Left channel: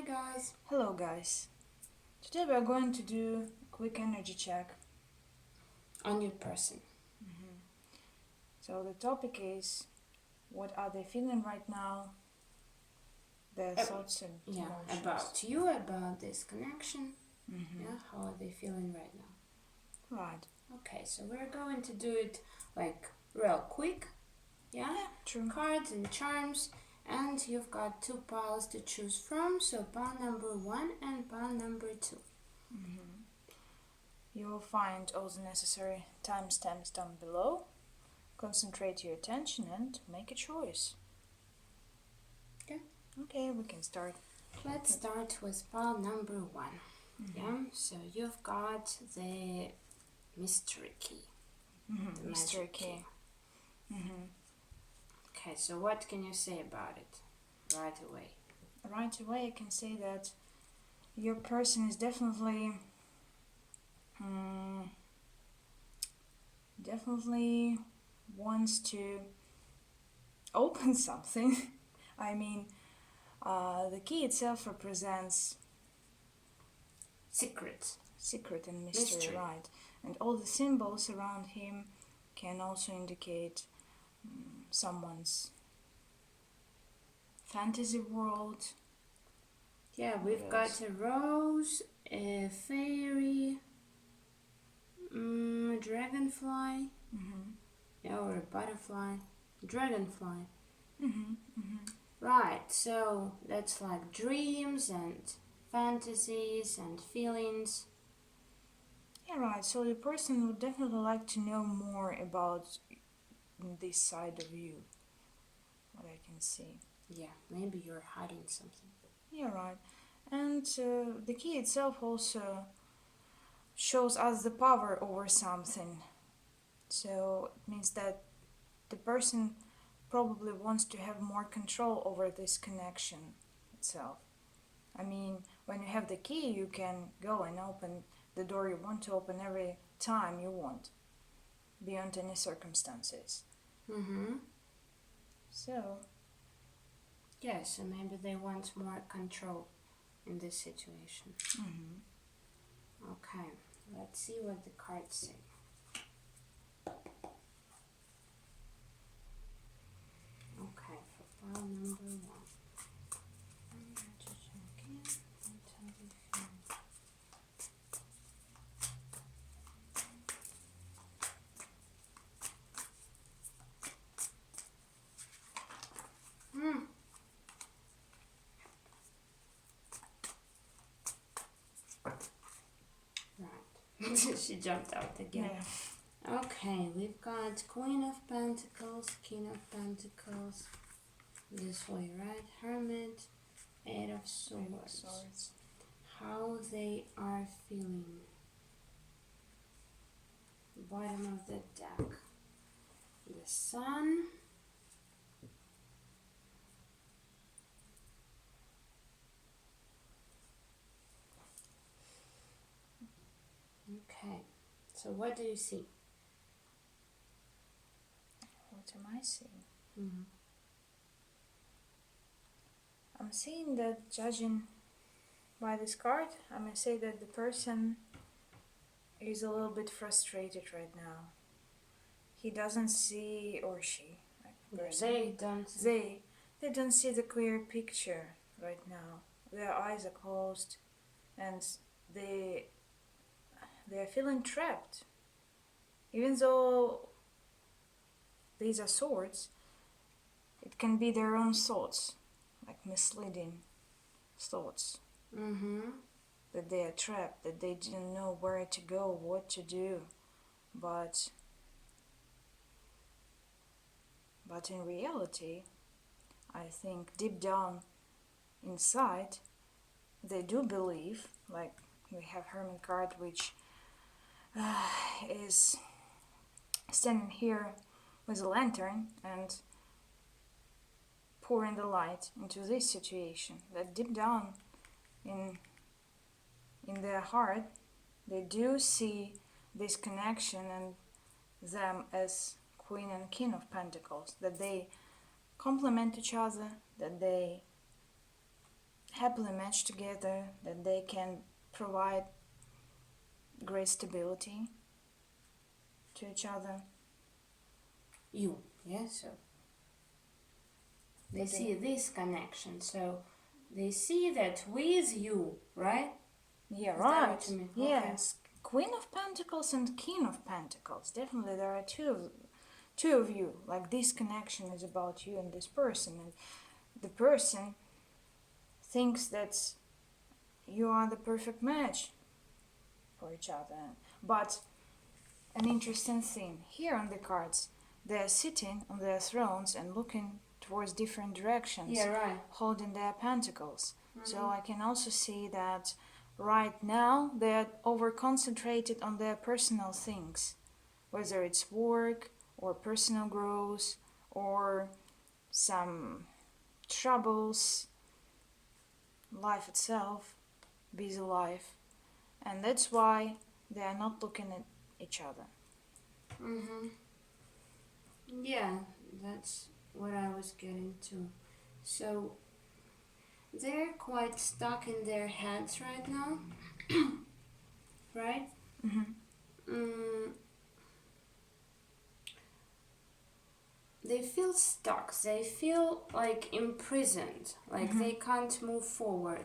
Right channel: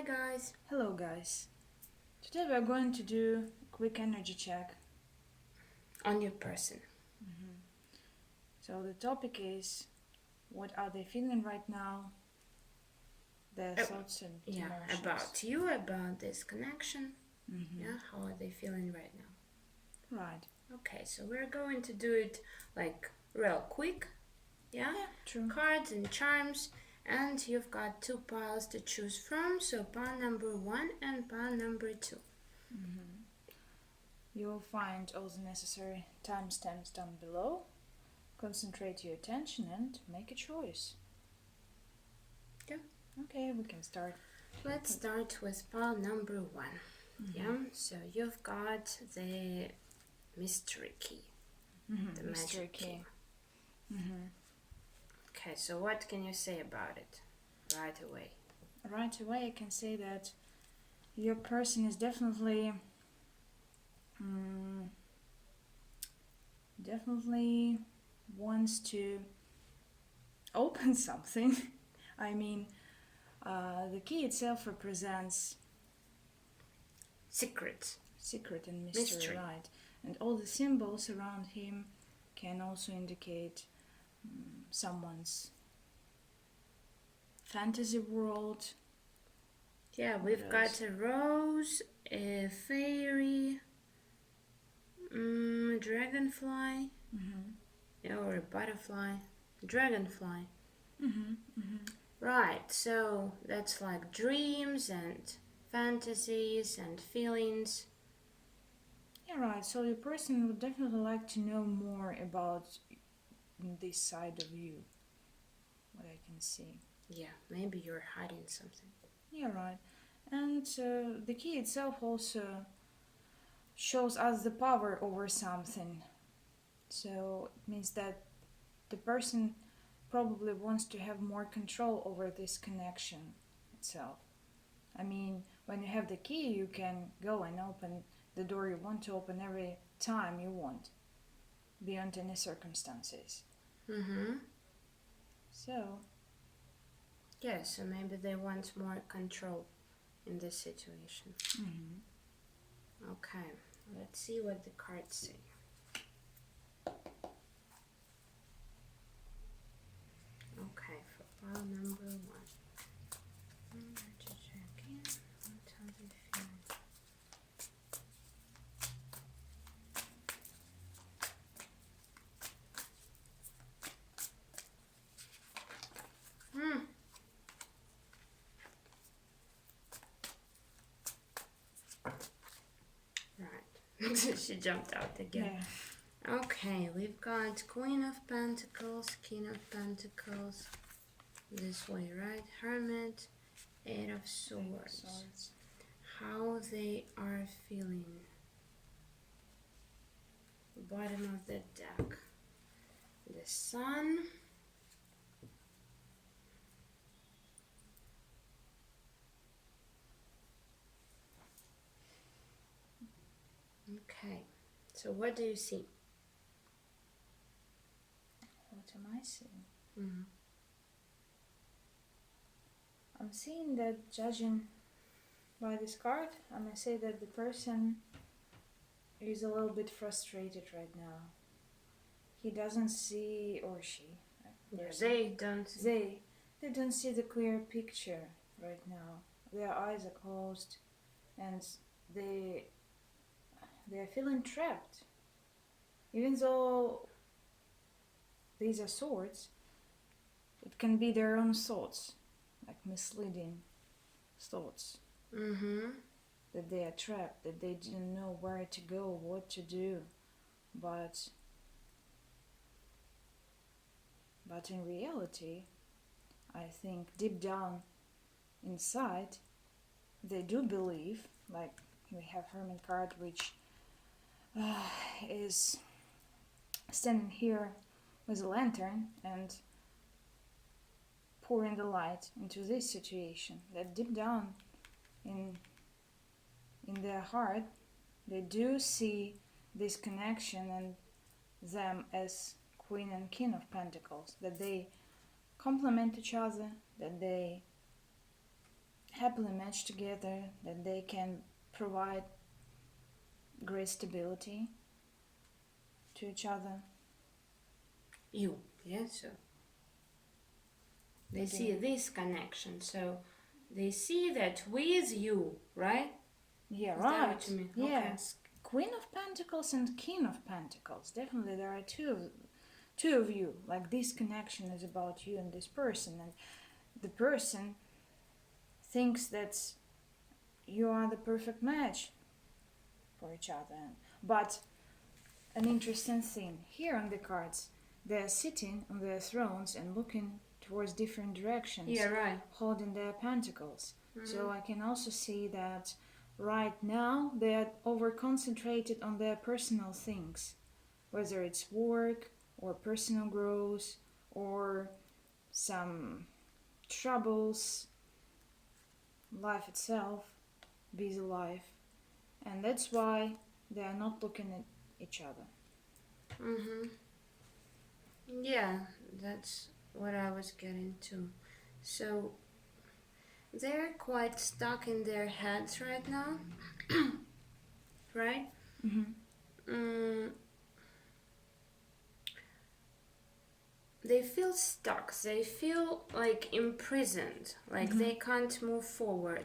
Hi guys. Hello guys. Today we are going to do a quick energy check On your person. So the topic is, what are they feeling right now? Their thoughts and emotions. About you, about this connection. Mm-hmm. How are they feeling right now? Right. Okay, so we're going to do it like real quick. Yeah, true. Cards and charms, and you've got two piles to choose from. So pile number 1 and pile number 2. You'll find all the necessary timestamps down below. Concentrate your attention and make a choice. Yeah. Okay, we can start. Let's start with pile number 1. Yeah, so you've got the mystery key. The mystery magic key. Okay, so what can you say about it right away? Right away I can say that your person is definitely wants to open something. I mean, the key itself represents secret and mystery, right? And all the symbols around him can also indicate someone's fantasy world. Yeah, we've got a rose, a fairy, dragonfly, or a butterfly, dragonfly. Right, so that's like dreams and fantasies and feelings. Yeah, right. So the person would definitely like to know more about this side of you, what I can see. Yeah, maybe you're hiding something. Yeah, right. And the key itself also shows us the power over something. So it means that the person probably wants to have more control over this connection itself. I mean, when you have the key, you can go and open the door you want to open every time you want, beyond any circumstances. So yeah, so maybe they want more control in this situation. Okay, let's see what the cards say. Okay, for pile number 1. I'm going to check in. What are they feeling? Right. She jumped out again. Yeah. Okay, we've got Queen of Pentacles, King of Pentacles. This way, right? Hermit, 8 of Swords. How they are feeling. Bottom of the deck. The Sun. Okay, so what do you see? What am I seeing? I'm seeing that, judging by this card, I may say that the person is a little bit frustrated right now. He doesn't see, or she, They don't see the clear picture right now. Their eyes are closed and they're feeling trapped. Even though these are swords, it can be their own thoughts, like misleading thoughts. That they are trapped, that they didn't know where to go, what to do. But in reality, I think deep down inside, they do believe, like we have Hermit card, which is standing here with a lantern and pouring the light into this situation, that deep down in their heart they do see this connection and them as Queen and King of Pentacles, that they complement each other, that they happily match together, that they can provide great stability to each other. You, yeah, so they see this connection, so they see that with you, right? Yeah, Is that right. what you mean? Yes. Queen of Pentacles and King of Pentacles. Definitely there are two of you. Like this connection is about you and this person, and the person thinks that you are the perfect match for each other. But an interesting thing here on the cards, they are sitting on their thrones and looking towards different directions, Yeah, right. holding their pentacles. So I can also see that right now they are over concentrated on their personal things, whether it's work or personal growth or some troubles, life itself, busy life, and that's why they are not looking at each other. Yeah, that's what I was getting to. So they're quite stuck in their heads right now, right? They feel stuck, they feel like imprisoned, like they can't move forward,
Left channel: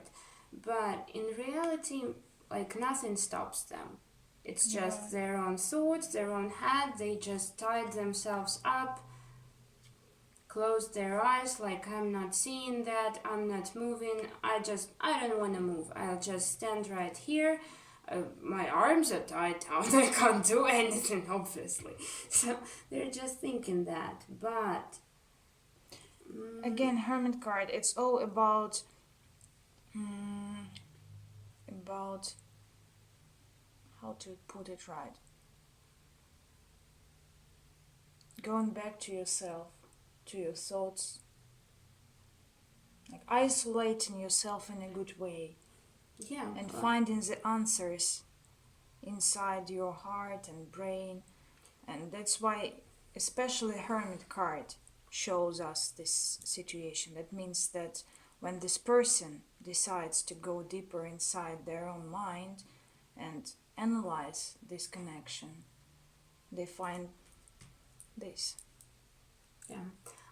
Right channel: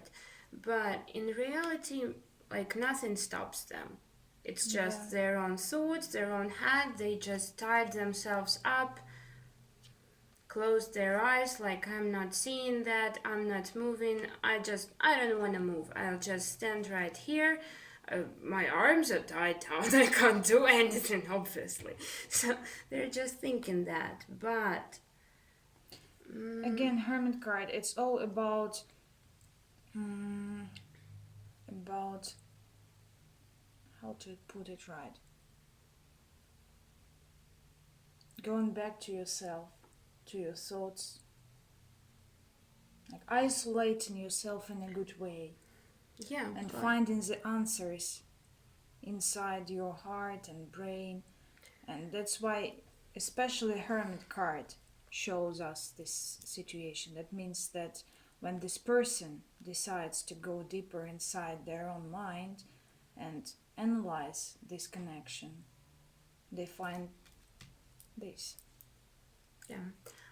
but in reality, like nothing stops them. It's just their own thoughts, their own head. They just tied themselves up, closed their eyes, like I'm not seeing that, I'm not moving, I don't want to move, I'll just stand right here. My arms are tied down, I can't do anything, obviously. So they're just thinking that, but Again, Hermit card, it's all about how to put it right. Going back to yourself, to your thoughts, like isolating yourself in a good way, yeah, and but finding the answers inside your heart and brain. And that's why especially Hermit card shows us this situation. That means that when this person decides to go deeper inside their own mind and analyze this connection, they find this. yeah,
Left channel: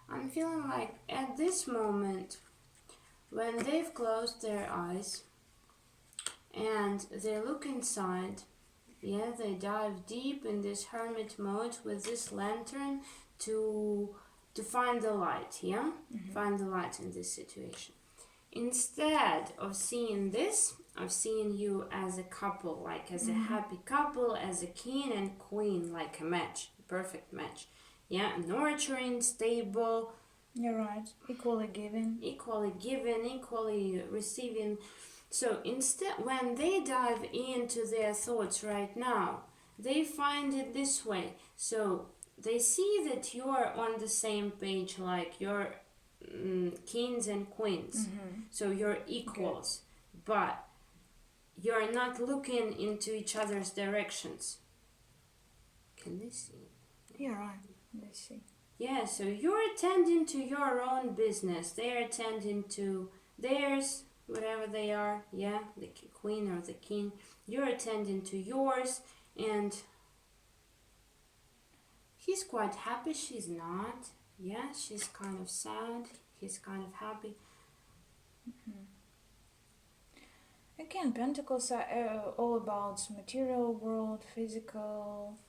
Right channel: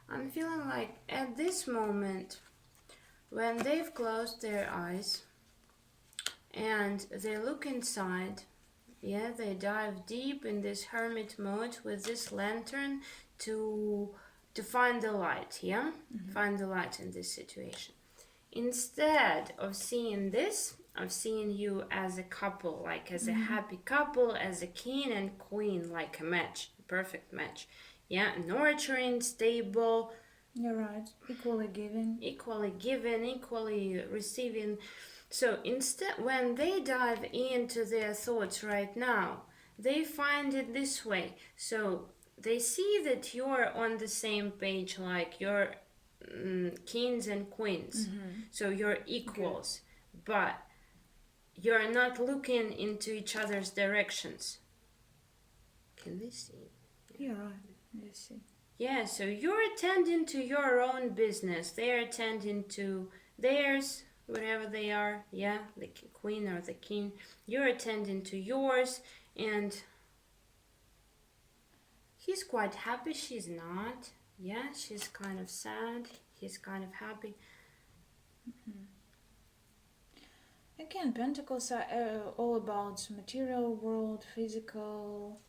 I'm feeling like at this moment, when they've closed their eyes and they look inside, yeah, they dive deep in this hermit mode with this lantern to find the light, yeah? Find the light in this situation. Instead of seeing this, of seeing you as a couple, like as a happy couple, as a king and queen, like a match, a perfect match. Yeah, nurturing, stable. You're right. Equally giving, equally receiving. So instead, when they dive into their thoughts right now, they find it this way. So they see that you're on the same page, like you're kings and queens. So you're equals, but you're not looking into each other's directions. Can they see? Yeah, right. Let's see. Yeah, so you're attending to your own business. They're attending to theirs, whatever they are. Yeah, the queen or the king. You're attending to yours, and he's quite happy. She's not. Yeah, she's kind of sad. He's kind of happy. Again, Pentacles are all about material world, physical,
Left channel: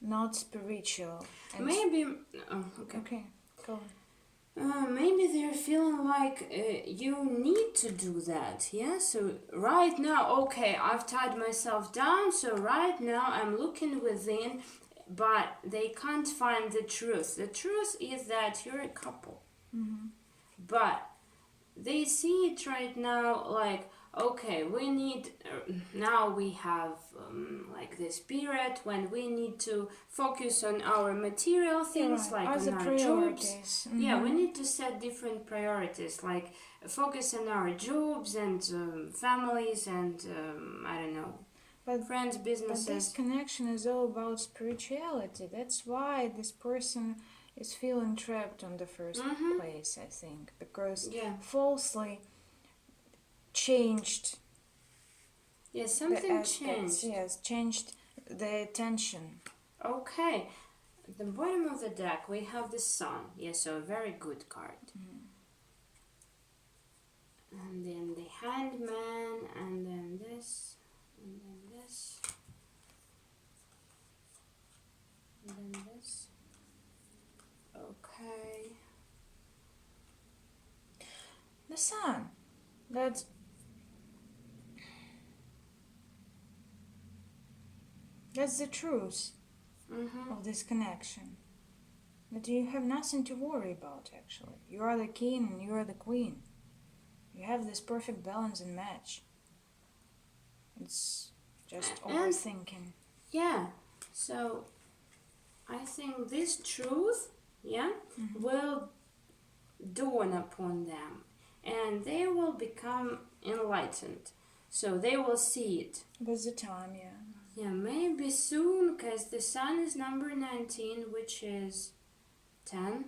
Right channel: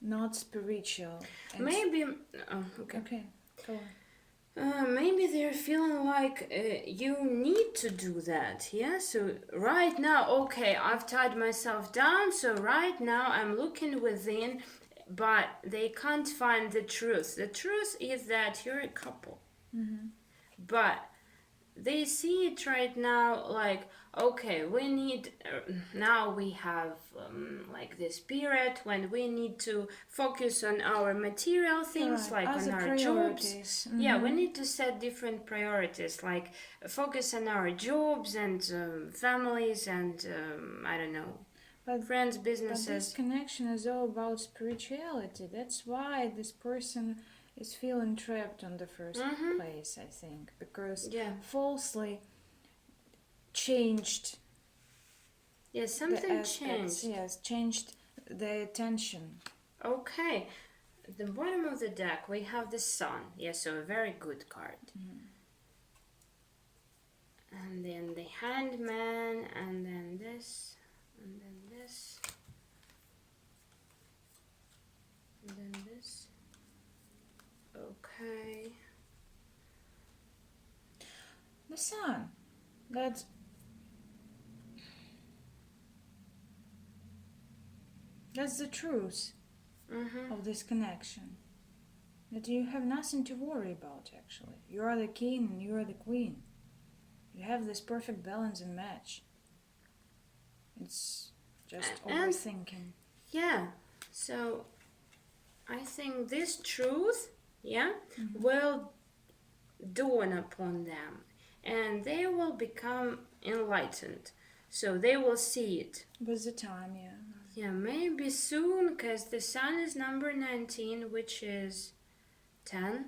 not spiritual. And Maybe. Oh, okay. Okay, go on. Maybe they're feeling like you need to do that, yeah? So right now, okay, I've tied myself down, so right now I'm looking within, but they can't find the truth. The truth is that you're a couple. But they see it right now like, okay, we need, now we have like this period when we need to focus on our material things, Right, like as on a our jobs. priorities. Yeah, we need to set different priorities, like focus on our jobs and families and, I don't know, But friends, But this businesses. connection is all about spirituality. That's why this person is feeling trapped on the first place, I think, because Yeah. falsely changed. Yes, something changed. Yes, changed the attention. Okay. At the bottom of the deck, we have the Sun. Yes, so a very good card. And then the Hangman, and then this, and then this, and then this. Okay. The Sun. That's the truth of this connection. That you have nothing to worry about, actually. You are the king and you are the queen. You have this perfect balance and match. It's just overthinking. Yeah, so I think this truth, will dawn upon them. And they will become enlightened. So they will see it. With the time, yeah. Yeah, maybe soon, because the Sun is number 19, which is 10,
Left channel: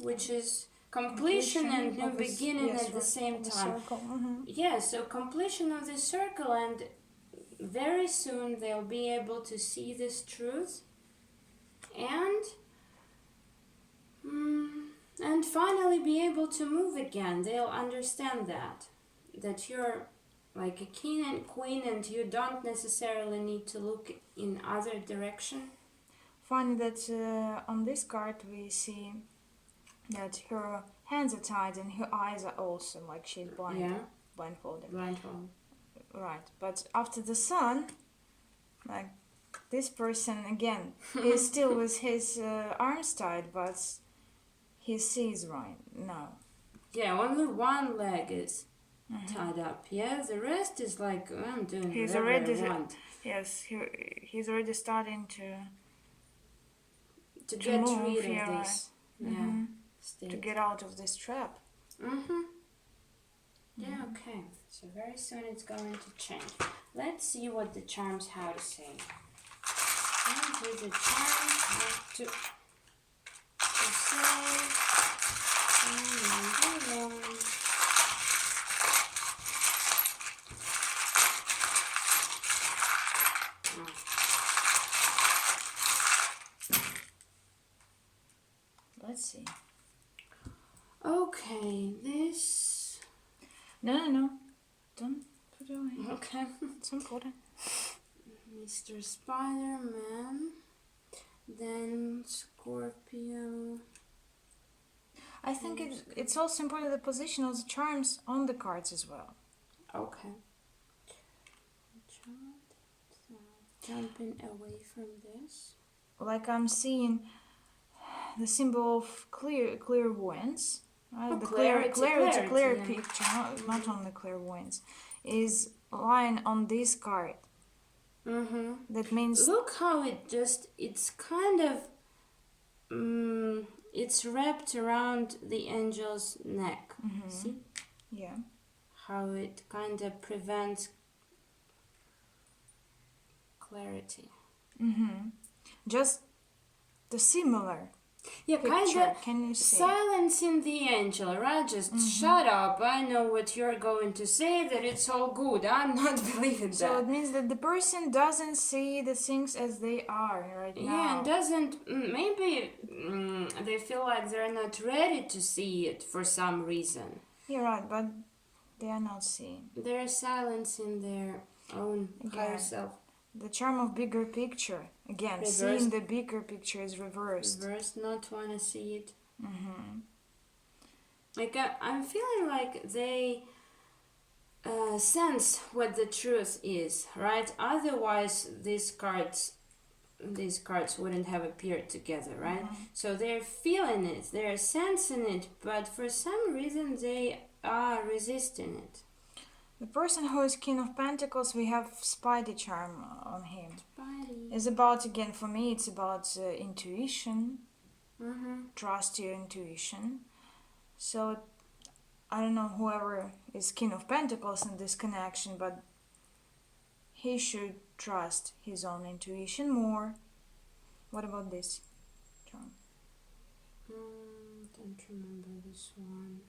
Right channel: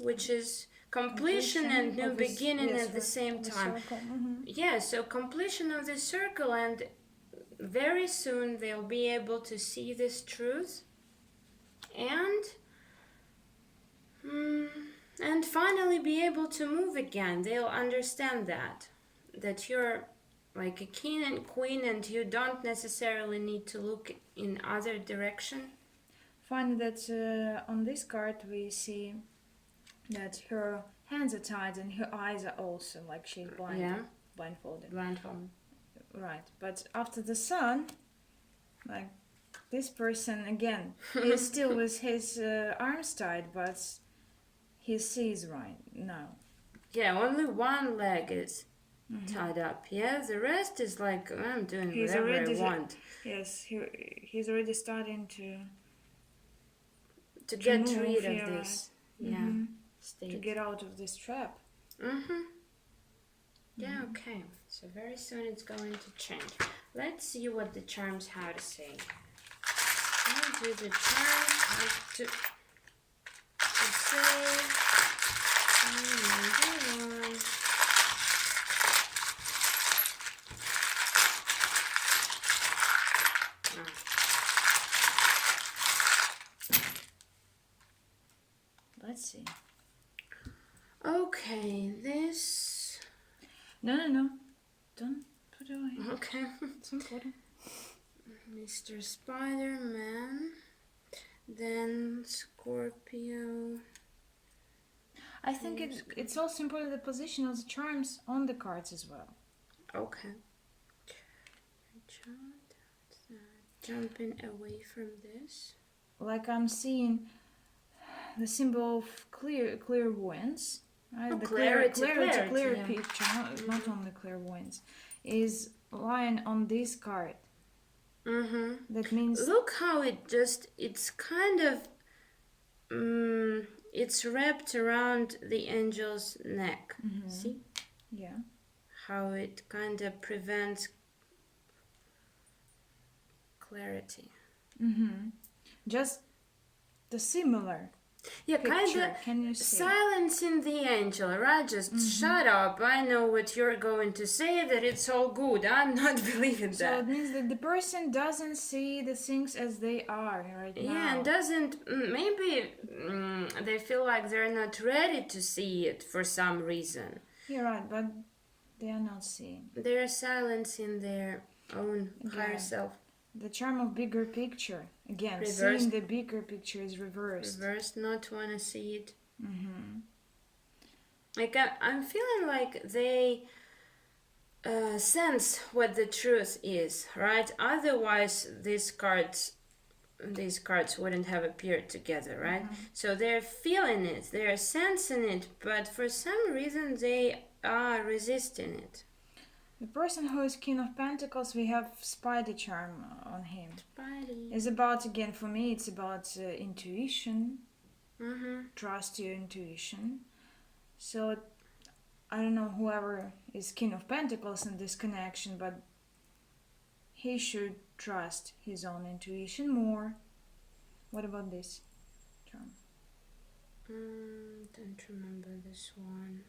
which is completion and new beginning at the same time. Yeah, so completion of the circle, and very soon they'll be able to see this truth and finally be able to move again. They'll understand that you're like a king and queen, and you don't necessarily need to look in other direction. Funny that on this card we see that her hands are tied and her eyes are also like she's blindfolded. Right, but after the Sun, like this person again is still with his arms tied, but he sees right now. Yeah, only one leg is tied up. Yeah, the rest is like, I'm doing whatever I want. Yes, he's already starting to get rid of this. State. To get out of this trap. Yeah, okay. So very soon it's going to change. Let's see what the charms have to say. What do the charms have to say? Number 1. Let's see. Okay, this... No. Don't put it away. Okay. It's important. Mr. Spider-Man. Then Scorpio. I think it's also important the position of the charms on the cards as well. Okay. Jumping away from this. Like I'm seeing the symbol of clairvoyance, right? Oh, the clear picture, not on the clairvoyance, is lying on this card. That means look how it's kind of it's wrapped around the angel's neck. See? Yeah. How it kind of prevents clarity. Just the similar. Yeah, kind of silencing the angel, right? Just shut up. I know what you're going to say, that it's all good. I'm not believing that. So it means that the person doesn't see the things as they are right now. Yeah, and doesn't, maybe they feel like they're not ready to see it for some reason. You're right, but they are not seeing. They're silencing their own higher self. The charm of bigger picture. Again, reversed. Seeing the bigger picture is reversed. Reversed, not want to see it. Like, I'm feeling like they sense what the truth is, right? Otherwise, these cards wouldn't have appeared together, right? So they're feeling it, they're sensing it, but for some reason they are resisting it. The person who is King of Pentacles, we have Spidey charm on him. Spidey. It's about, again, for me, it's about intuition. Trust your intuition. So, I don't know whoever is King of Pentacles in this connection, but he should trust his own intuition more. What about this charm? Don't remember this one.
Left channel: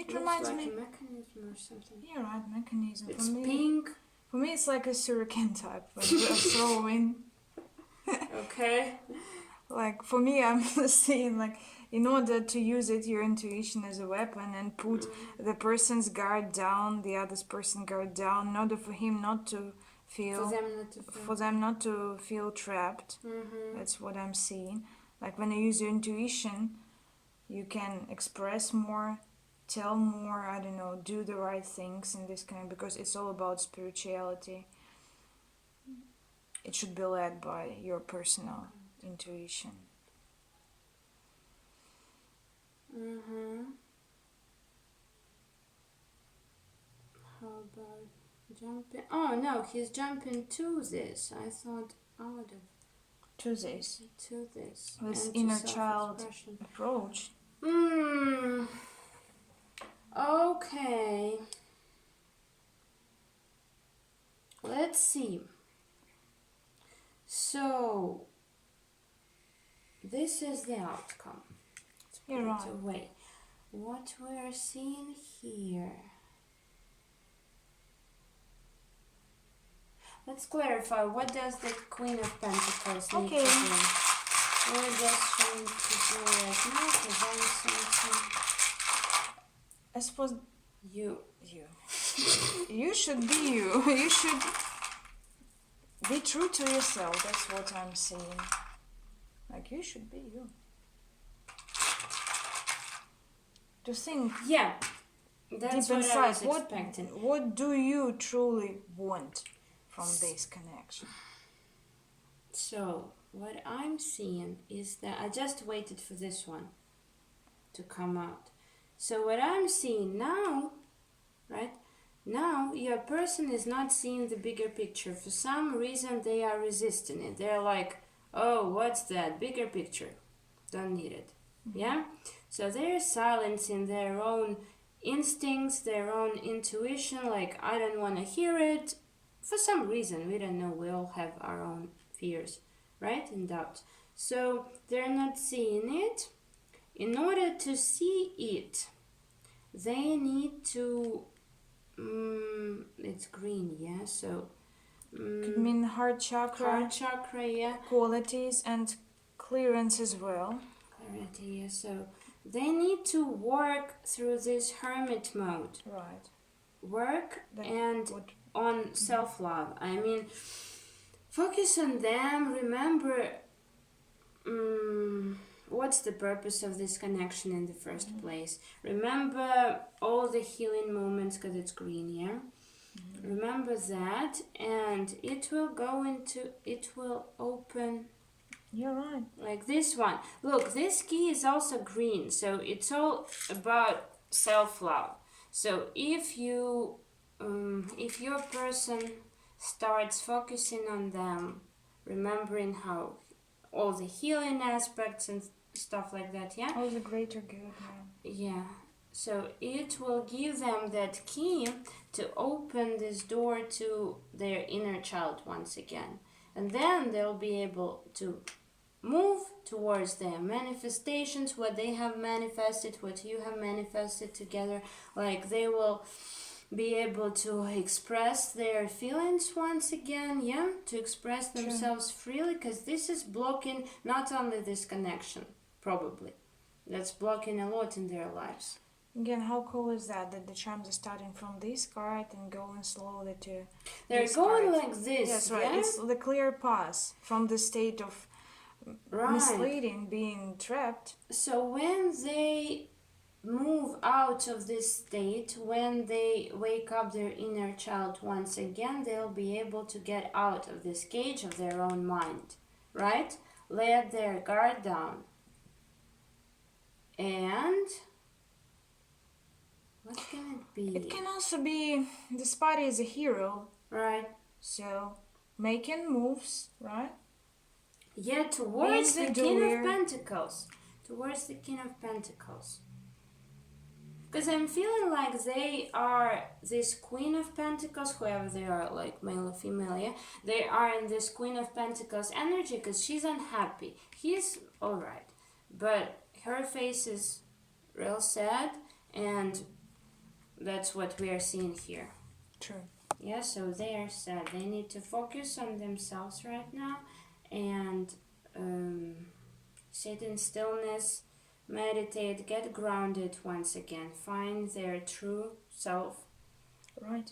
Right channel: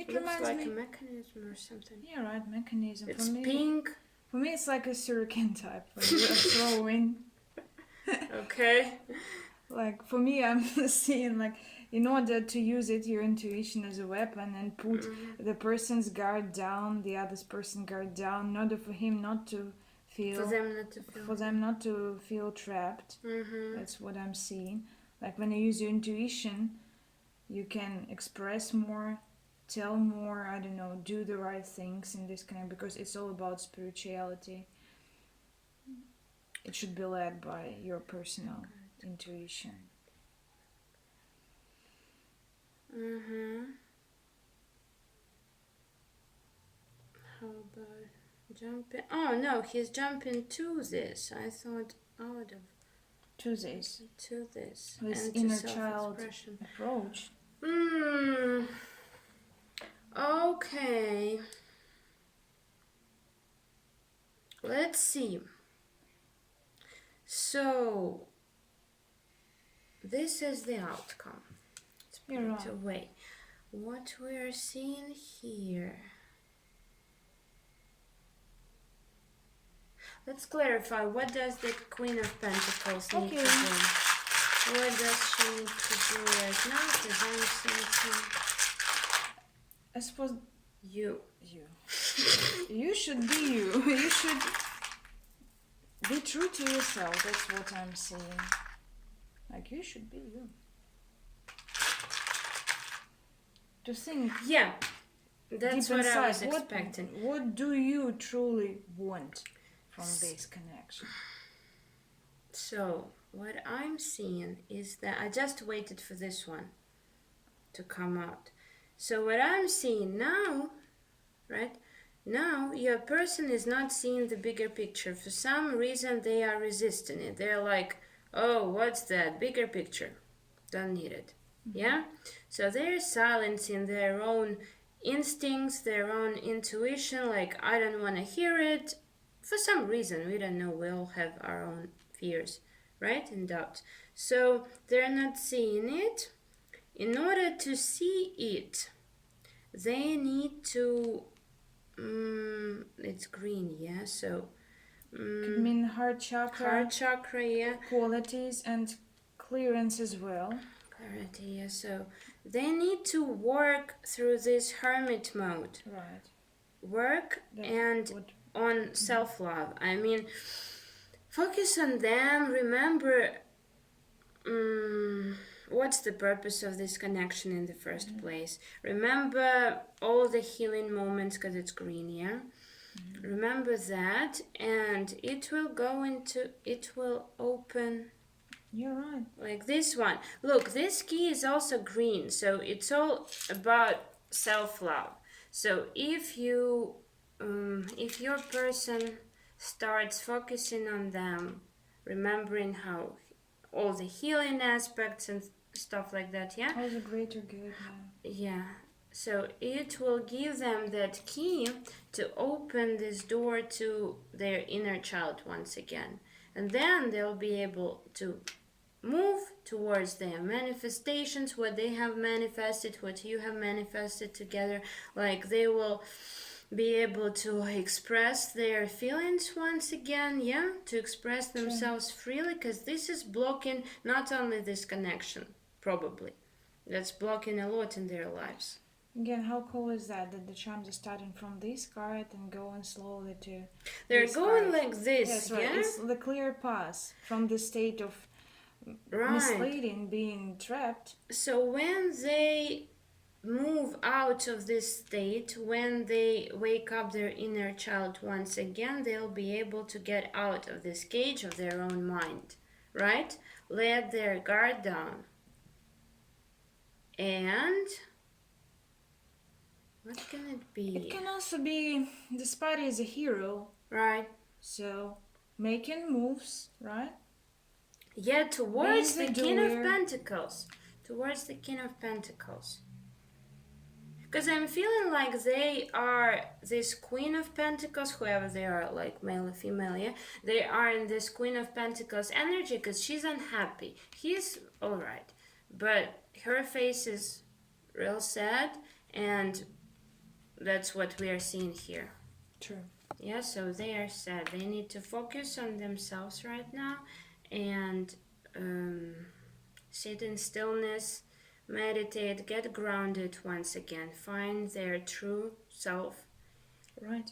It looks reminds like me. a mechanism or something. Yeah, right, mechanism. It's for me, pink. For me, it's like a shuriken type when you're throwing. Okay. Like for me, I'm seeing like in order to use it, your intuition as a weapon and put the person's guard down, the other person's guard down, in order for him not to feel. For them not to feel. For them not to feel trapped. That's what I'm seeing. Like when you use your intuition, you can express more, tell more, I don't know, do the right things in this kind of, because it's all about spirituality. It should be led by your personal intuition. How about jumping? Oh no, he's jumping to this. I thought out of To this. to this. This and inner to child self-expression. approach. Okay. Let's see. So this is the outcome. Let's put You're it right. away. What we're seeing here. Let's clarify. What does the Queen of Pentacles need to do? What does she need to do right now? Because I'm thinking I suppose you. You should be you. You should be true to yourself. That's what I'm saying. Like you should be you. To think. Yeah, that's deep what I inside, was expecting. What do you truly want from this connection? So, what I'm seeing is that I just waited for this one to come out. So, what I'm seeing now, right? Now, your person is not seeing the bigger picture. For some reason, they are resisting it. They're like, oh, what's that? Bigger picture. Don't need it. Yeah? So, they're silencing their own instincts, their own intuition. Like, I don't want to hear it. For some reason, we don't know. We all have our own fears, right? And doubts. So, they're not seeing it. In order to see it, they need to it's green, yeah, so Could mean heart chakra, yeah, qualities and clearance as well. clarity, yeah. So they need to work through this hermit mode, Right. work That and would- on self-love. I mean, focus on them. Remember what's the purpose of this connection in the first place. Remember all the healing moments, because it's green, yeah. Remember that, and it will open. You're right. Like this one. Look, this key is also green, so it's all about self-love. So if your person starts focusing on them, remembering how all the healing aspects and stuff like that, yeah? That was a greater good, yeah. Yeah. So it will give them that key to open this door to their inner child once again. And then they'll be able to move towards their manifestations, what they have manifested, what you have manifested together. Like they will be able to express their feelings once again, yeah, to express themselves freely, because this is blocking not only this connection, probably, that's blocking a lot in their lives. Again, how cool is that the charms are starting from this card and going slowly to They're this going card. like this, Yes, right. yeah? It's the clear pass from the state of Right. misleading, being trapped. So when they move out of this state, when they wake up their inner child once again, they'll be able to get out of this cage of their own mind, right? Let their guard down. And what can it be? It can also be the Spotty is a hero, Right. so making moves, right? Yeah, towards the Being the King of doer. Pentacles. Towards the King of Pentacles. Because I'm feeling like they are this Queen of Pentacles, whoever they are, like male or female, yeah? They are in this Queen of Pentacles energy because she's unhappy. He's alright. But her face is real sad, and That's what we are seeing here. True. Yeah, so they are sad. They need to focus on themselves right now and sit in stillness, meditate, get grounded once again, find their true self. Right.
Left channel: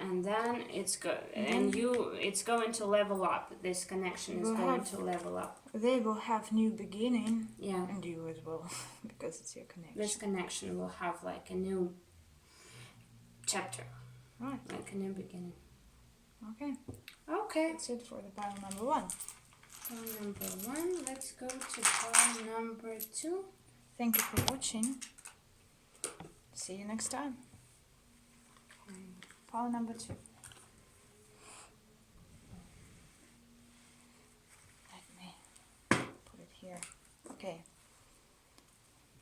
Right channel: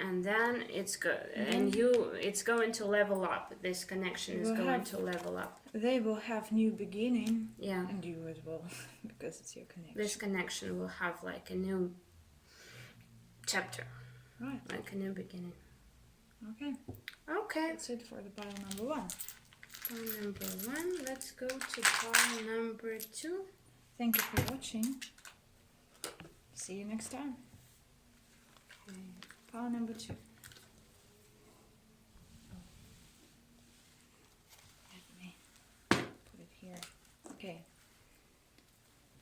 And then it's it's going to level up. This connection is going to level up. They will have new beginning. Yeah. And you as well, because it's your connection. This connection will have like a new chapter. Right. Like a new beginning. Okay. Okay. That's it for the pile number 1. Pile number 1. Let's go to pile number 2. Thank you for watching. See you next time. Pile number 2. Let me put it here. Okay.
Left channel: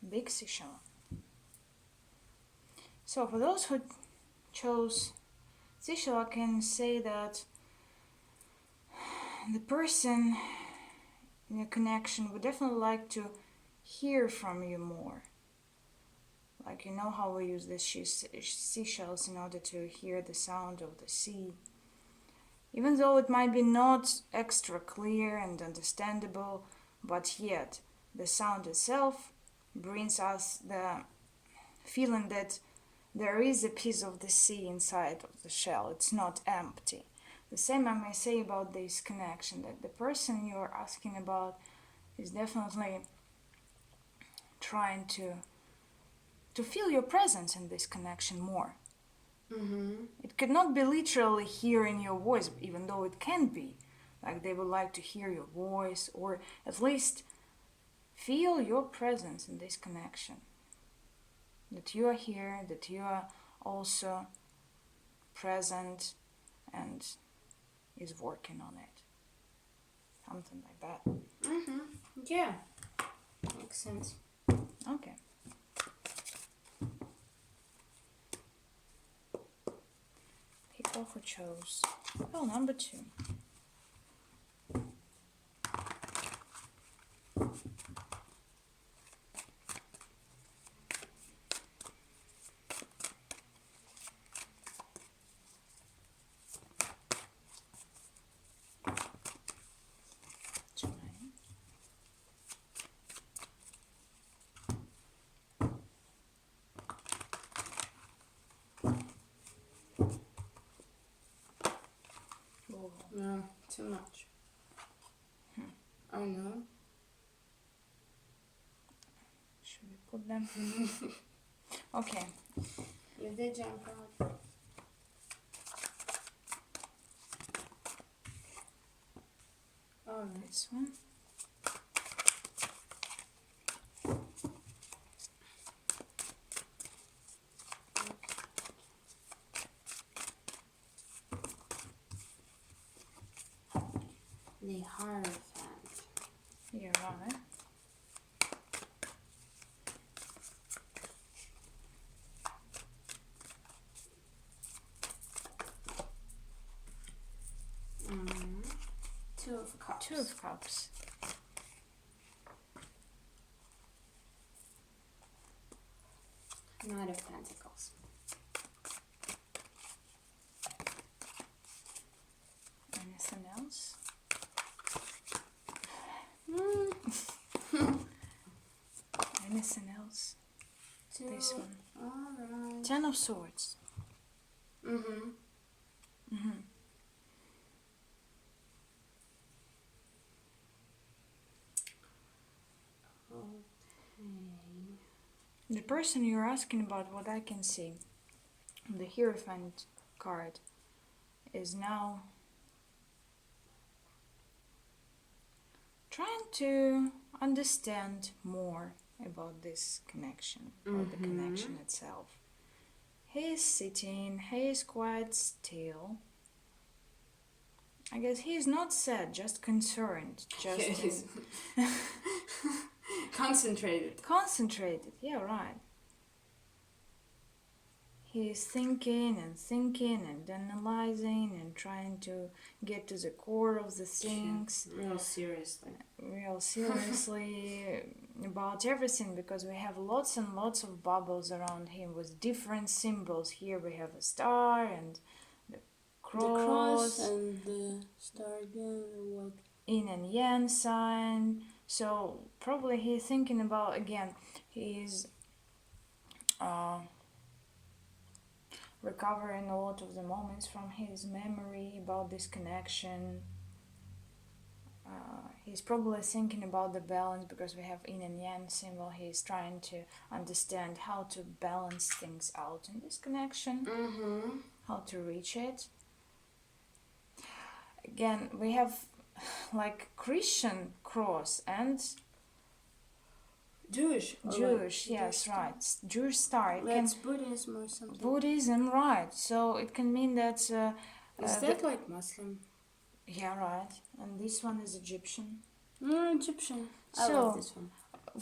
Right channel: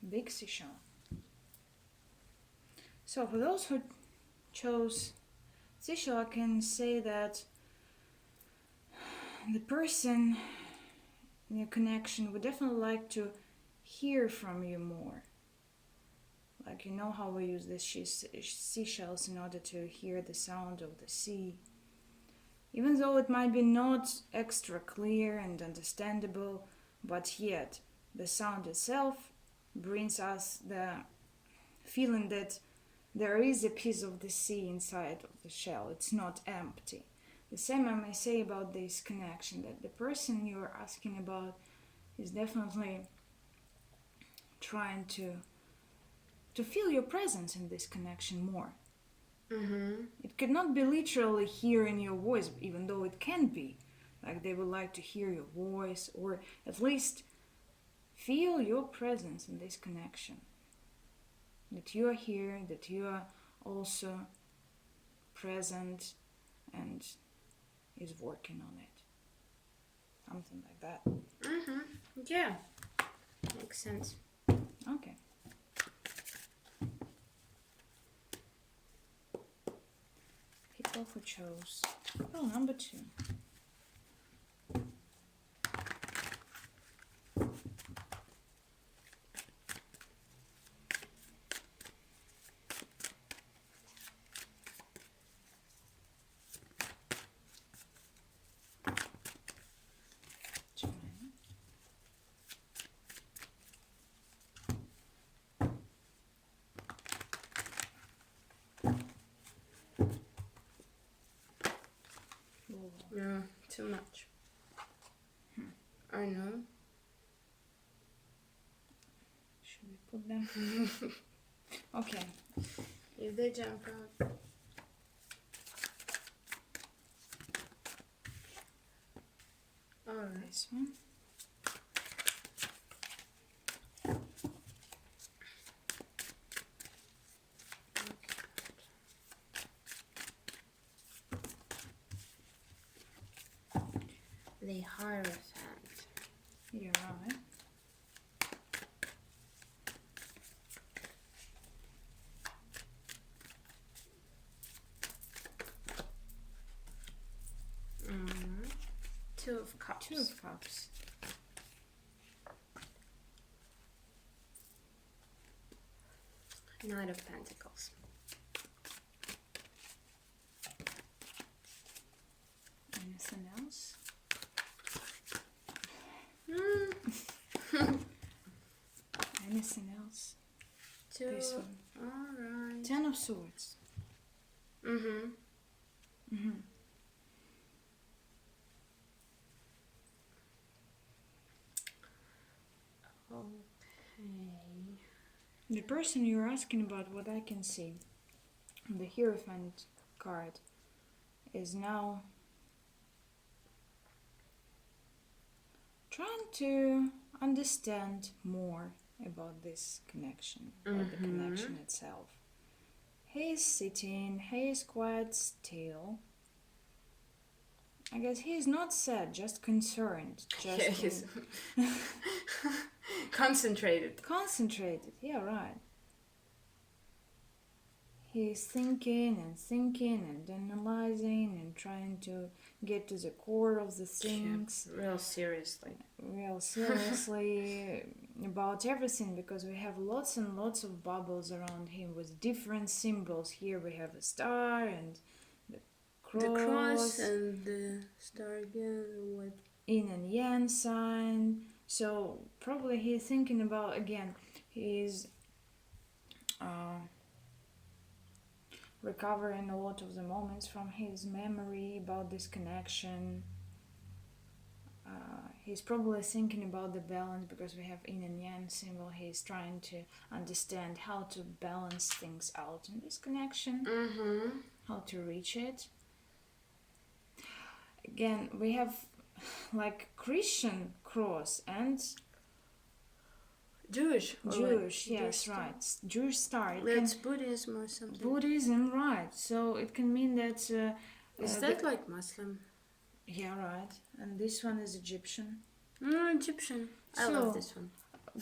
Big Seashell. So for those who chose Seashell, I can say that the person in your connection would definitely like to hear from you more. Like, you know how we use the seashells in order to hear the sound of the sea. Even though it might be not extra clear and understandable, but yet the sound itself brings us the feeling that there is a piece of the sea inside of the shell. It's not empty. The same I may say about this connection, that the person you're asking about is definitely trying to feel your presence in this connection more. Mm-hmm. It could not be literally hearing your voice, even though it can be. Like, they would like to hear your voice, or at least feel your presence in this connection. That you are here, that you are also present and is working on it. Something like that. Mm-hmm. Yeah. Makes sense. Okay. People who chose pile number 2. No, too much. I know. Should we put them? Okay. If they jump out. Alright. This one. The Hierophant. You're right. Two of Cups. 2 of Cups. Knight of Pentacles. Anything else? Anything else? Two. This one. Alright. 10 of Swords. Mm-hmm. Mm-hmm. Okay. The person you're asking about, what I can see, the Hierophant card, is now trying to understand more about this connection, or the connection itself. He is sitting, he is quite still. I guess he is not sad, just concerned. Just Yeah, he's concentrated. concentrated, yeah, right. He's thinking and analyzing and trying to get to the core of the things. Real seriously. About everything, because we have lots and lots of bubbles around him with different symbols. Here we have a star and The cross and the star again, what? Yin and yang sign. So probably he's thinking about, again, he's recovering a lot of the moments from his memory about this connection. He's probably thinking about the balance, because we have yin and yang symbol. He's trying to understand how to balance things out in this connection, how to reach it. Again, we have like Christian cross and Jewish, yes, right. Jewish star. That's Buddhism or something. Buddhism, right. So it can mean that... is that like Muslim? Yeah, right. And this one is Egyptian. Egyptian. I love this one.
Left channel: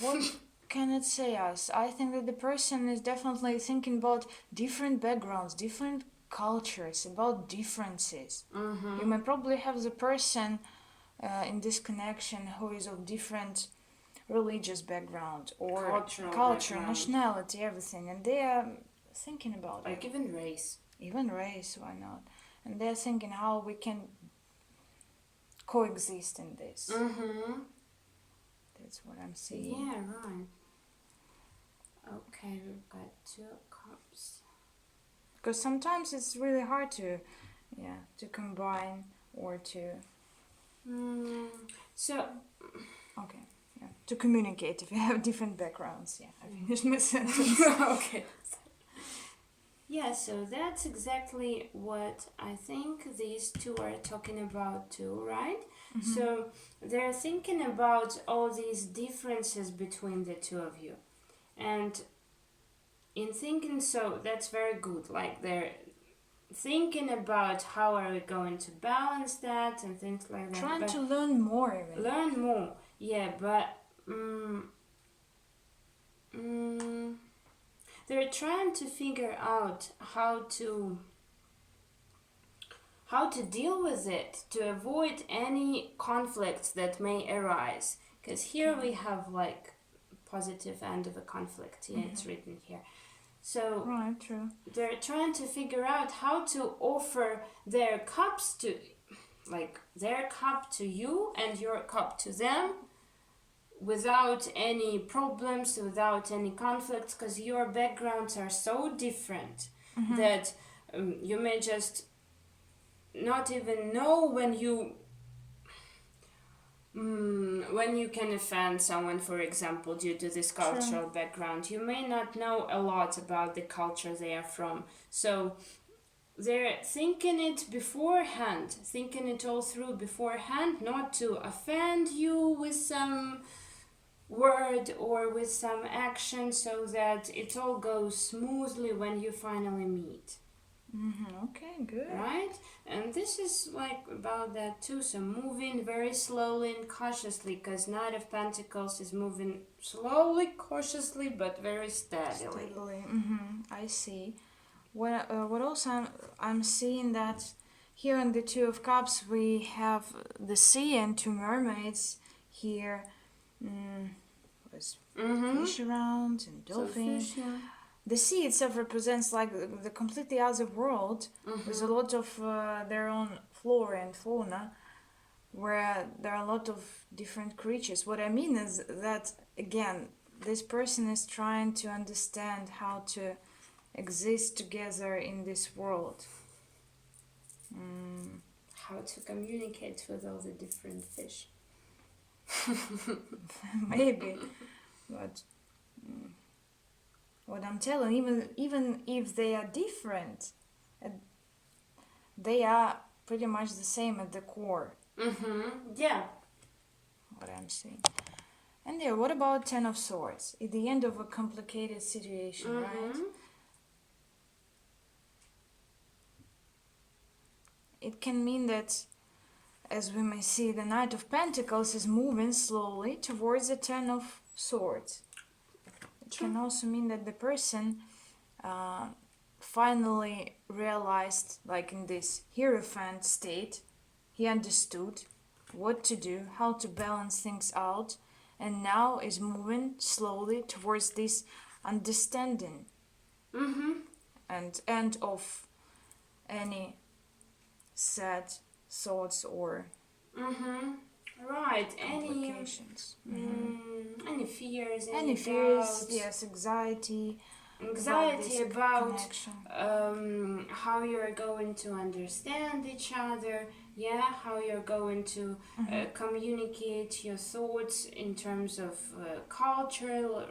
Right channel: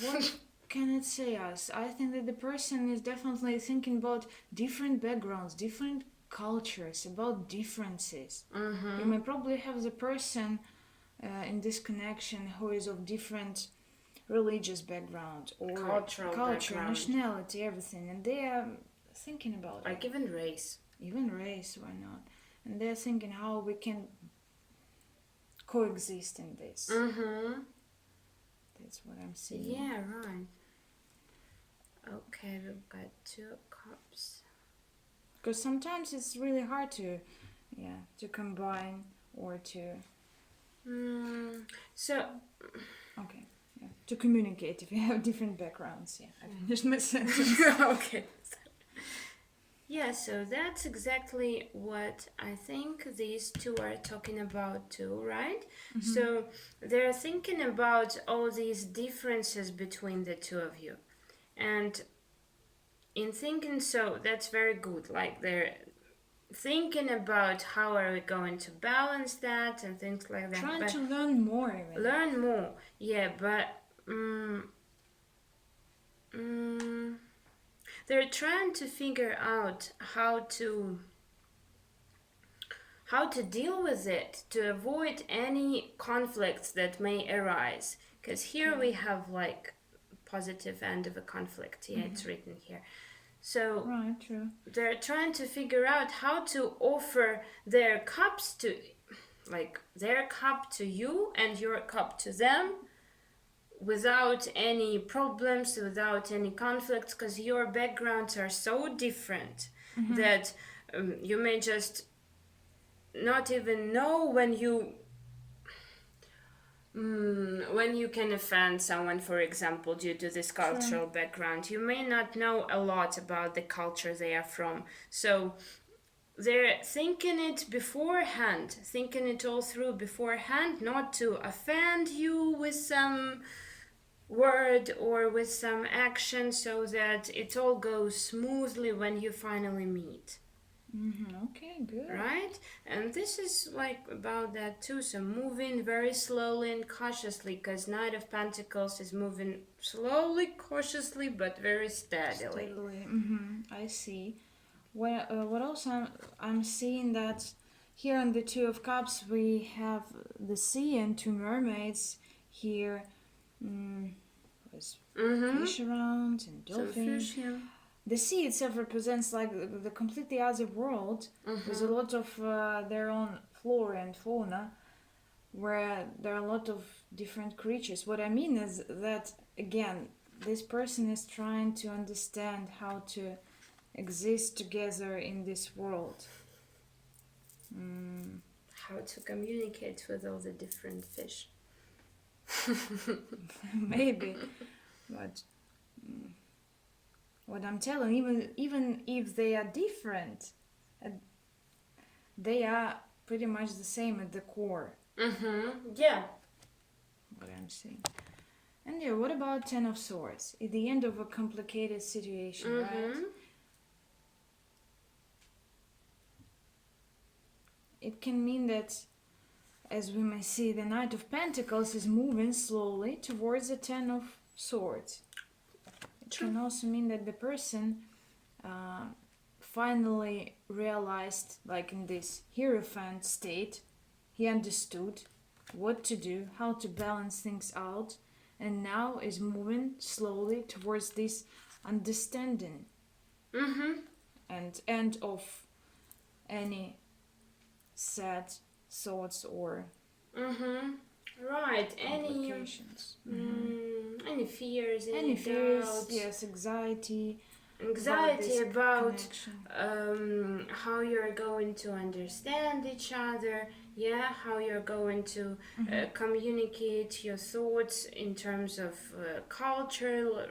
What can it say us? I think that the person is definitely thinking about different backgrounds, different cultures, about differences. You may probably have the person in this connection who is of different religious background or culture, nationality, everything, and they are thinking about like it. Even race, why not? And they're thinking how we can coexist in this. That's what I'm seeing. Yeah, right. Okay, we've got 2 cups. Because sometimes it's really hard to combine or to to communicate if you have different backgrounds. I finished my sentence. Okay. Yeah, so that's exactly what I think these 2 are talking about too, right? So they're thinking about all these differences between the 2 of you. And in thinking so, that's very good. Like they're thinking about how are we going to balance that and things like that. Trying to learn more. Learn more, yeah, but they're trying to figure out how to deal with it to avoid any conflicts that may arise. Because here we have like positive end of a conflict. Yeah, it's written here. So right, true. They're trying to figure out how to offer their cups to, like their cup to you and your cup to them, without any problems, without any conflicts, because your backgrounds are so different that you may just not even know when you can offend someone, for example, due to this cultural background. You may not know a lot about the culture they are from. So they're thinking it beforehand, thinking it all through beforehand, not to offend you with some word or with some action, so that it all goes smoothly when you finally meet. Okay, good. Right? And this is like about that too. So moving very slowly and cautiously, because Knight of Pentacles is moving slowly, cautiously, but very steadily. I see. What also I'm seeing that here on the 2 of Cups we have the sea and 2 mermaids here. With fish around and dolphins. So fish, yeah. The sea itself represents like the completely other world with a lot of their own flora and fauna, where there are a lot of different creatures. What I mean is that, again, this person is trying to understand how to exist together in this world. How to communicate with all the different fish. Maybe, but what I'm telling, even if they are different, they are pretty much the same at the core. Yeah. What I'm saying. And there, what about 10 of Swords? At the end of a complicated situation, right? It can mean that, as we may see, the Knight of Pentacles is moving slowly towards the 10 of Swords. It can also mean that the person finally realized, like in this hierophant state, he understood what to do, how to balance things out, and now is moving slowly towards this understanding and end of any sad thoughts or Right. complications. Any fears, Any fears, doubts, yes, anxiety about connection. how you're going to understand each other, how you're going to communicate your thoughts in terms of cultural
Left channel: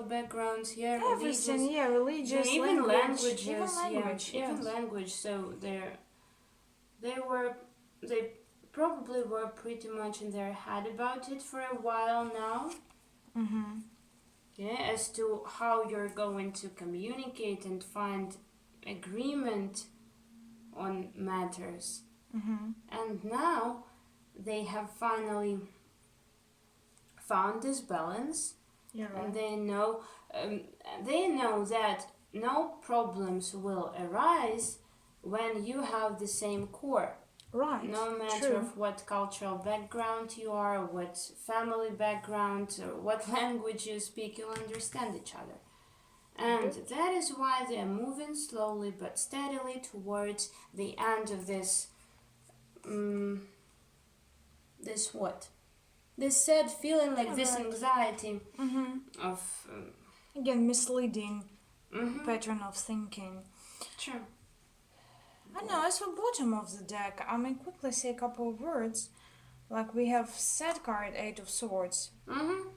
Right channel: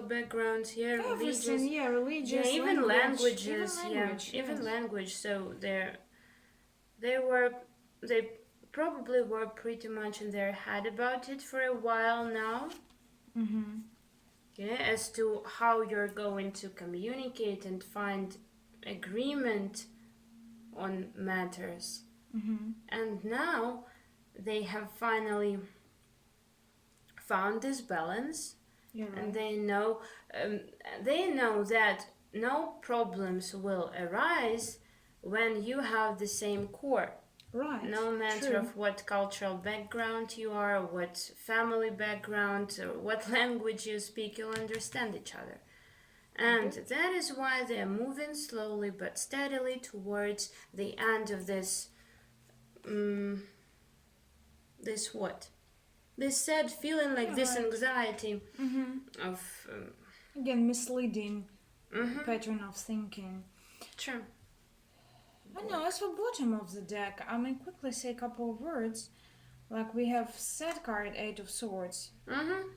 backgrounds, Everything, religious, even language, languages, even language. So they probably were pretty much in their head about it for a while now. As to how you're going to communicate and find agreement on matters. And now they have finally found this balance, and they know that no problems will arise when you have the same core. Right. No matter True. of what cultural background you are, what family background, or what language you speak, you'll understand each other. And that is why they are moving slowly but steadily towards the end of this sad feeling, like this anxiety of again misleading pattern of thinking. True. I know, as for bottom of the deck, I mean, quickly say a couple of words. Like we have sad card, 8 of Swords.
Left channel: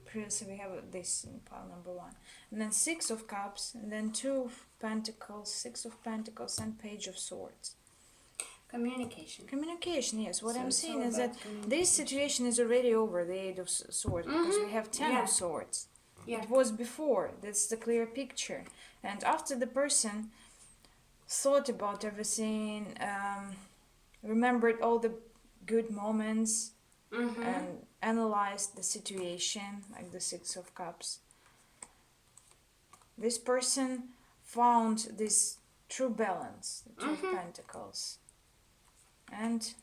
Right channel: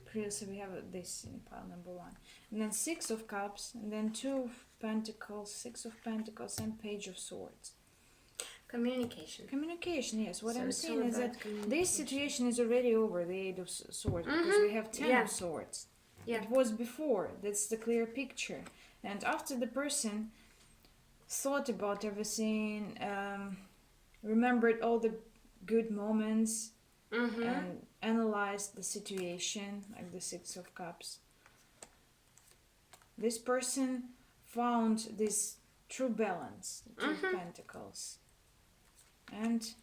Previously we have this in pile number 1. And then 6 of Cups, and then 2 of Pentacles, 6 of Pentacles, and Page of Swords. Communication. Communication, yes. What So I'm it's saying all is that about this situation is already over, the 8 of Swords, because we have 10 of Swords. It was before. That's the clear picture. And after the person thought about everything, remembered all the good moments, and analyzed the situation, like the 6 of Cups, this person found this true balance, the 2 of Pentacles, and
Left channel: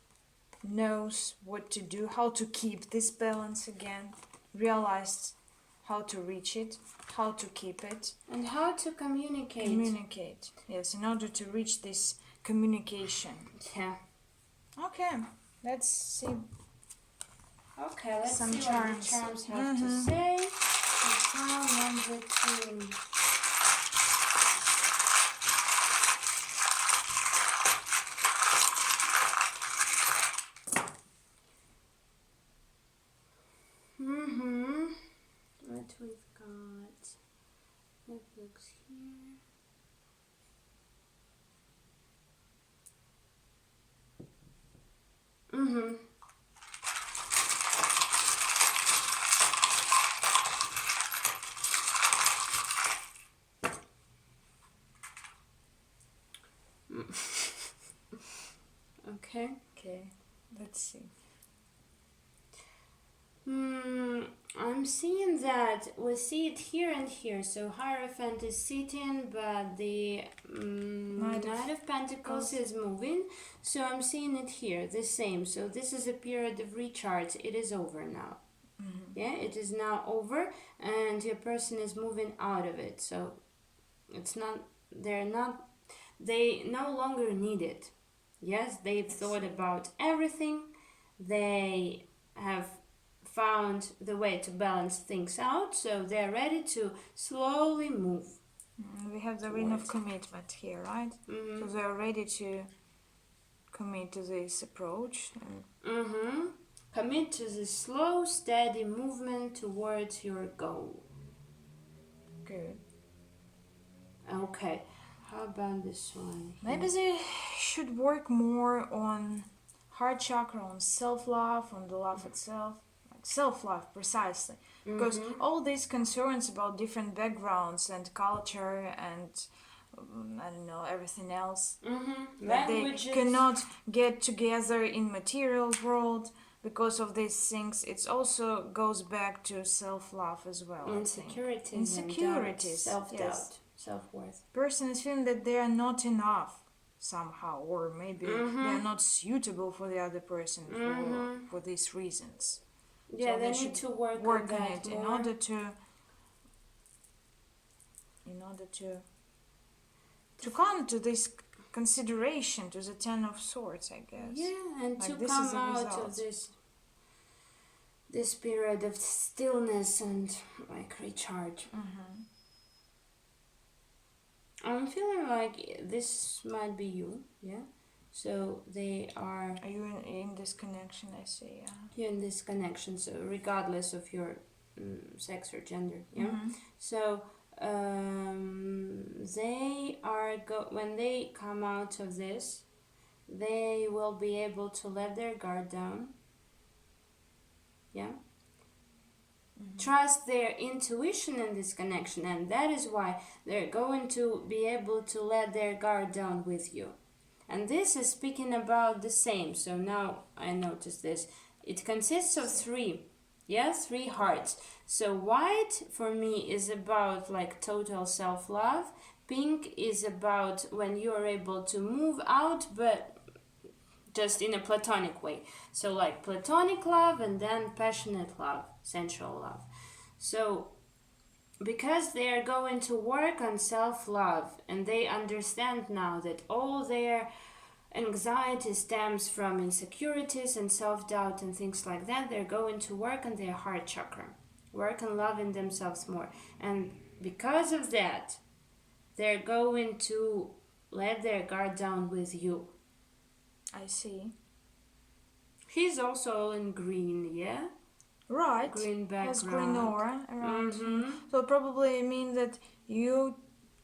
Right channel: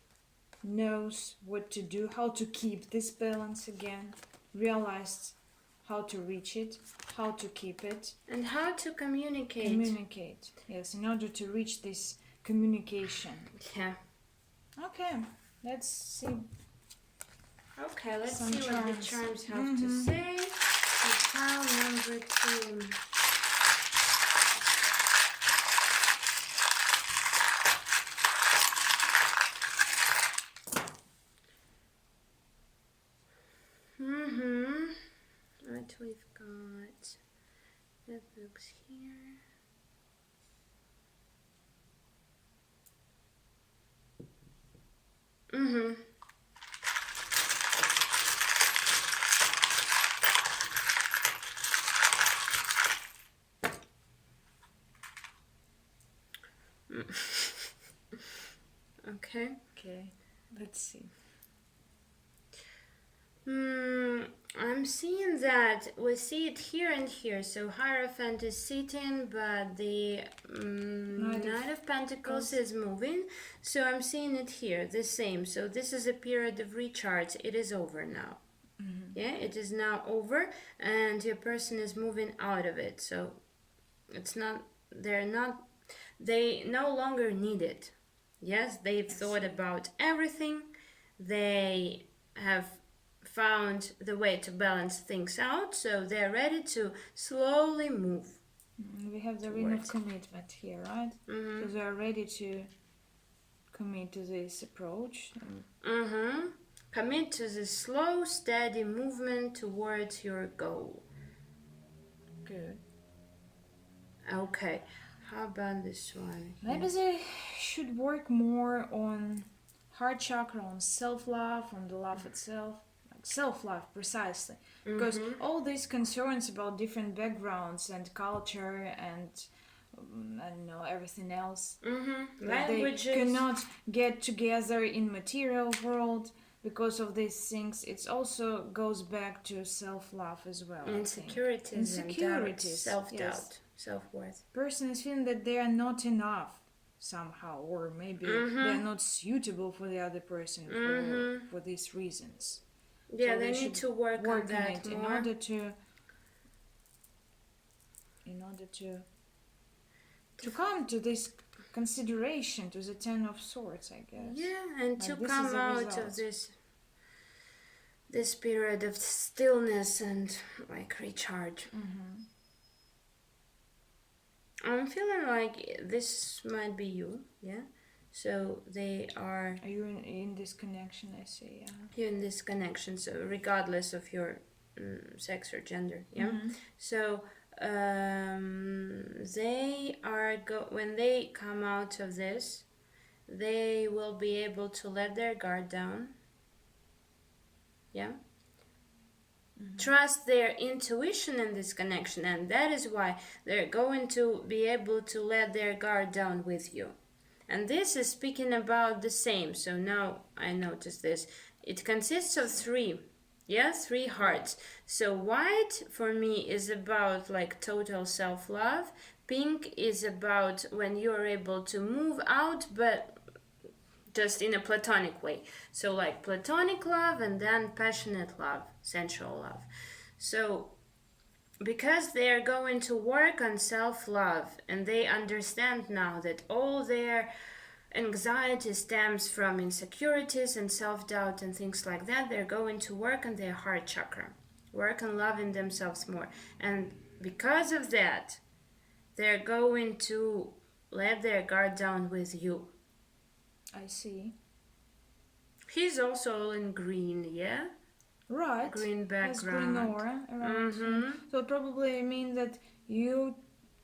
knows what to do, how to keep this balance again, realized how to reach it, how to keep it, and how to communicate. Yes, in order to reach this communication. Okay, let's see. Okay, let's Some see what the charms have to say. So pile number 2. What we've got, the books here. Okay. Okay, let's see. I'm seeing that we see it here and here. So Hierophant is sitting, but the Knight of Pentacles is moving. So I'm seeing it here, the same. So this is a period of recharge. It is over now. It is now over, and your person is moving out of it. So it's not, they no longer need it. Yes, they've thought about everything. They have found the way to balance things out, so they're ready to slowly move. We have the ring of commitment here, right? So they are ready to commit to this approach. Commit to this slow, steady movement towards your goal. Good. Okay, how about this one? Maybe they should work more on heart chakra, on self-love, on the love itself. Self-love, precisely. Because all these concerns about different backgrounds and culture and I don't know, everything else, that they cannot get together in material world because of these things, it also goes back to self-love as well. Insecurities, and self-doubt. self-worth. Person is feeling that they are not enough somehow, or maybe they are not suitable for the other person for these reasons. Yeah, So they need to work on that it more. in order to come to this consideration, to the Ten of Swords, I guess. Yeah, and Like, to this come is a out result. of this period of stillness and like recharge. I'm feeling like this might be you, yeah? So they are... Are you in this connection, I see, yeah. You're in this connection, so regardless of your sex or gender, yeah? So they are... when they come out of this, they will be able to let their guard down, yeah? Trust their intuition in this connection, and that is why they're going to be able to let their guard down with you. And this is speaking about the same. So now I notice this. It consists of three hearts. So white for me is about like total self-love. Pink is about when you're able to move out, but just in a platonic way. So like platonic love and then passionate love, sensual love. So because they are going to work on self-love and they understand now that all their anxiety stems from insecurities and self-doubt and things like that, they're going to work on their heart chakra, work on loving themselves more. And because of that, they're going to let their guard down with you. I see. He's also all in green, yeah? Right. Green background. Has green aura around him. So probably mean that you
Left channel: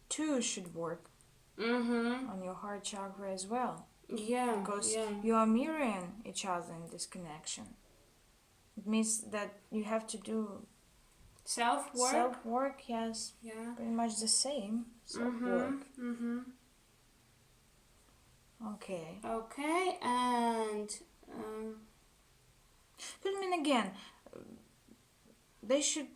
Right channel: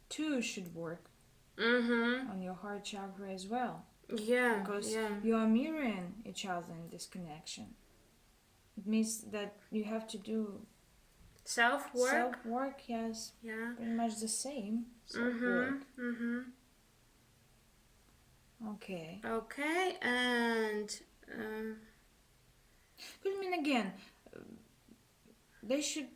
too should work on your heart chakra as well. Yeah. Because you are mirroring each other in this connection. It means that you have to do self-work. Self-work, yes. Yeah. Pretty much the same. Self-work. Okay. Okay, and... but I mean, again, they should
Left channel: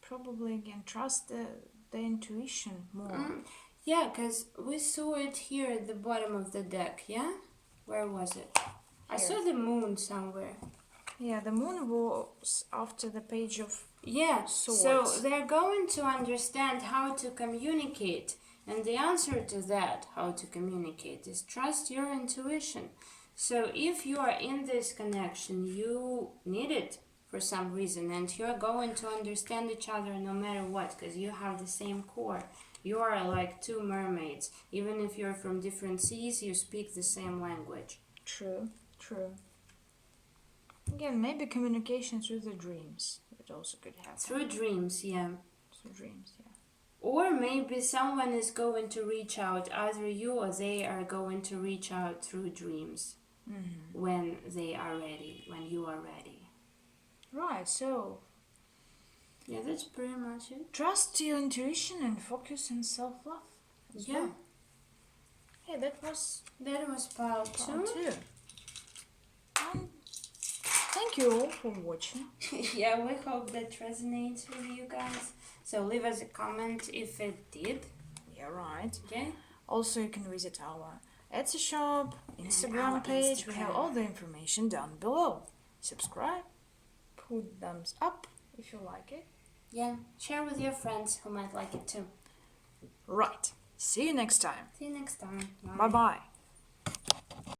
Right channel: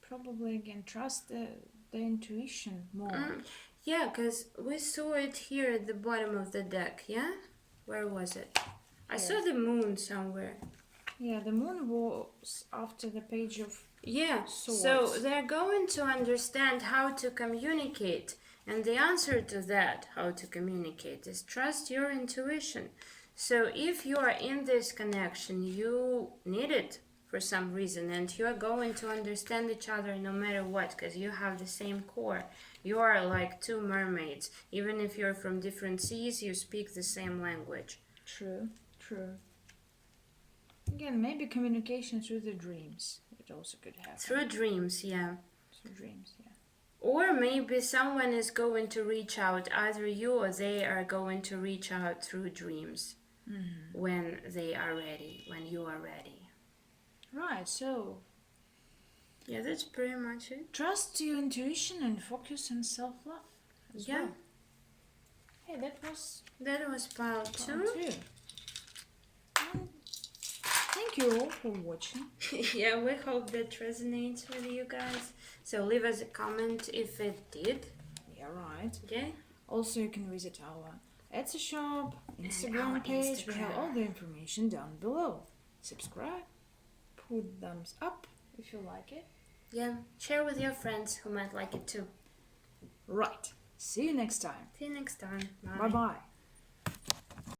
probably, again, trust the intuition more. Yeah, because we saw it here at the bottom of the deck, yeah? Where was it? I saw the moon somewhere. Yeah, the moon was after the page of swords. So they're going to understand how to communicate. And the answer to that, how to communicate, is trust your intuition. So if you are in this connection, you need it for some reason, and you're going to understand each other no matter what, because you have the same core. You are like two mermaids. Even if you're from different seas, you speak the same language. True. Again, maybe communication through the dreams. It also could happen. Through dreams, yeah. Or maybe someone is going to reach out, either you or they are going to reach out through dreams when they are ready, when you are ready. Right, so... yeah, that's pretty much it. Trust your intuition and focus on self-love. Yeah. Yeah, that was pile 2. And thank you all for watching. Yeah, we hope that resonates with you guys. So leave us a comment if it did. Yeah, right. Okay. Also, you can visit our Etsy shop, Instagram page. We have all the information down below. Subscribe, put thumbs up if you like it. Yeah, share with your friends who might like it too. Right. See you next time. See you next time. Bye-bye.